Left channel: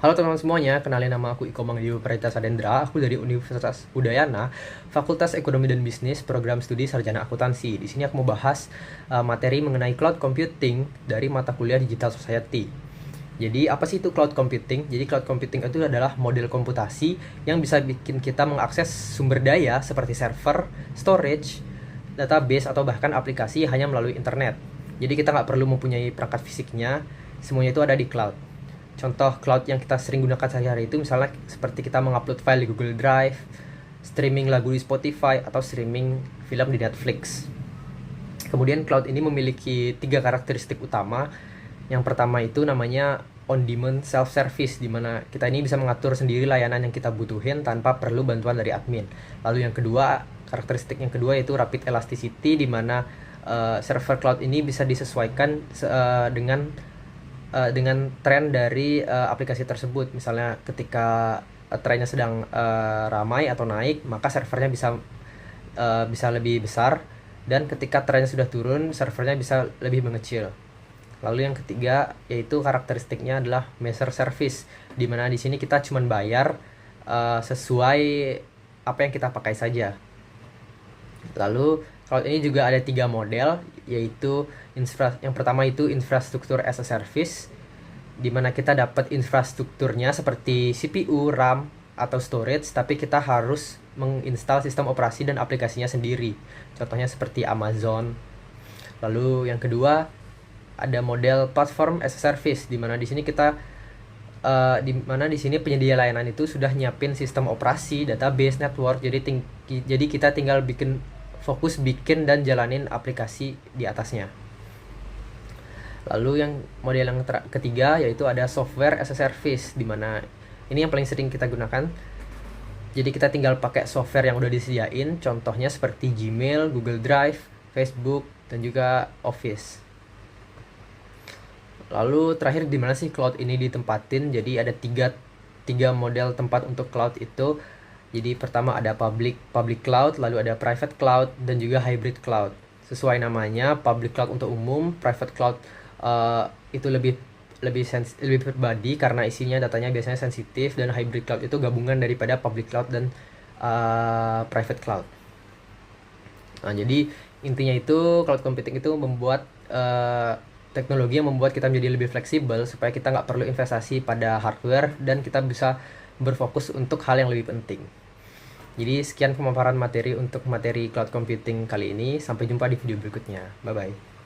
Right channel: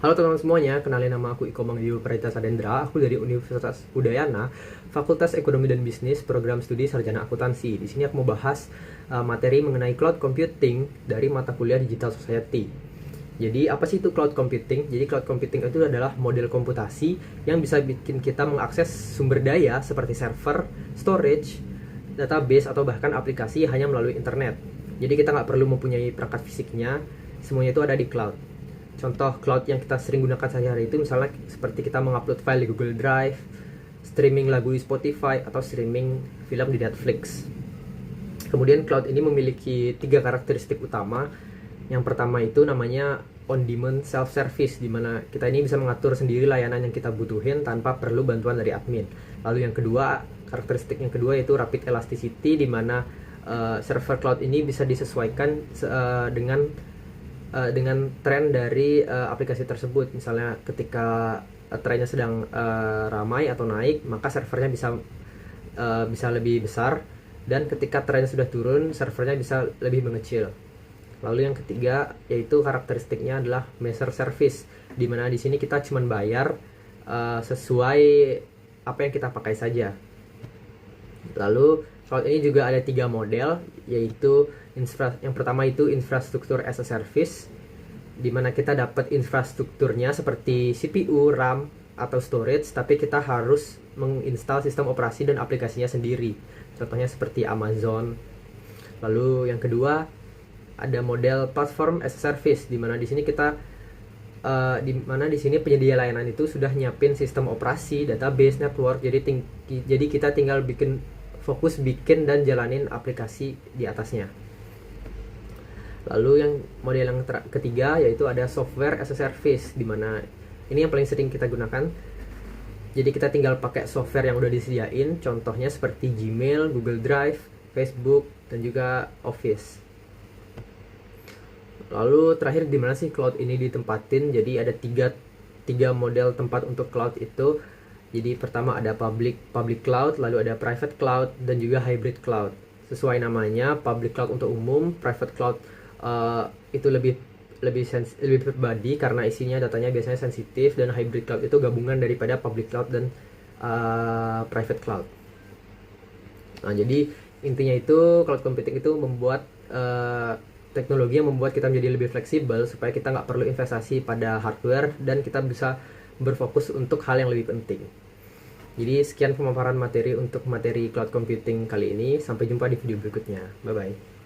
Halo teman-teman semuanya, kenalin nama aku Iko Mangdio Pradita Sadendra. Aku dari Universitas Udayana, Fakultas Ekonomi dan Bisnis, Program Studi Sarjana Akuntansi. Di sini aku mau bahas materi mengenai cloud computing dari mata kuliah Digital Society. Jadi apa sih itu cloud computing? Jadi cloud computing itu adalah model komputasi yang bisa bikin kita mengakses sumber daya seperti server, storage, database, atau bahkan aplikasi hanya melalui internet. Jadi kita nggak perlu mempunyai perangkat fisiknya, semuanya itu ada di cloud. Contoh cloud yang kita sering gunakan sehari-hari itu misalnya seperti kita mengupload file di Google Drive, streaming lagu di Spotify, atau streaming film di Netflix. Kemudian cloud ini memiliki 3 karakteristik utama. Yang pertama itu namanya on-demand self-service, di mana kita ini bisa mengatur sendiri layanan yang kita butuhin tanpa perlu bantuan dari admin. Lalu yang kedua, karakteristik yang kedua yaitu rapid elasticity, di mana server cloud ini bisa disesuaikan dengan tren dari aplikasi tersebut. Misalnya ketika trennya sedang ramai atau naik, maka servernya bisa lebih besar, dan ketika trennya sudah turun, servernya bisa lebih mengecil. Lalu yang ketiga yaitu karakteristiknya adalah measure service, di mana di sini kita cuma bayar sesuai apa yang kita pakai saja. Lalu cloud ini juga ada 3 model, yaitu yang pertama itu infrastruktur as a service, di mana kita dapat infrastrukturnya seperti CPU, RAM, atau storage, tapi kita harus menginstal sistem operasi dan aplikasinya sendiri. Contohnya seperti Amazon. Lalu yang kedua ada model platform as a service, di mana di sini penyedia layanan itu sudah nyiapin sistem operasi, database, network. Jadi kita tinggal fokus bikin dan jalanin aplikasi di atasnya. Lalu yang model yang ketiga yaitu ada software as a service, di mana ini yang paling sering kita gunakan. Jadi kita tinggal pakai software yang udah disediain, contohnya seperti Gmail, Google Drive, Facebook, dan juga Office. Lalu terakhir di mana sih cloud ini ditempatin? Jadi ada tiga model tempat untuk cloud itu. Jadi pertama ada public cloud, lalu ada private cloud, dan juga hybrid cloud. Sesuai namanya, public cloud untuk umum, private cloud itu lebih pribadi karena isinya datanya biasanya sensitif, dan hybrid cloud itu gabungan daripada public cloud dan private cloud. Nah, jadi intinya itu cloud computing itu membuat teknologi yang membuat kita menjadi lebih fleksibel supaya kita nggak perlu investasi pada hardware dan kita bisa berfokus untuk hal yang lebih penting. Jadi sekian pemaparan materi untuk materi cloud computing kali ini. Sampai jumpa di video berikutnya. Bye bye.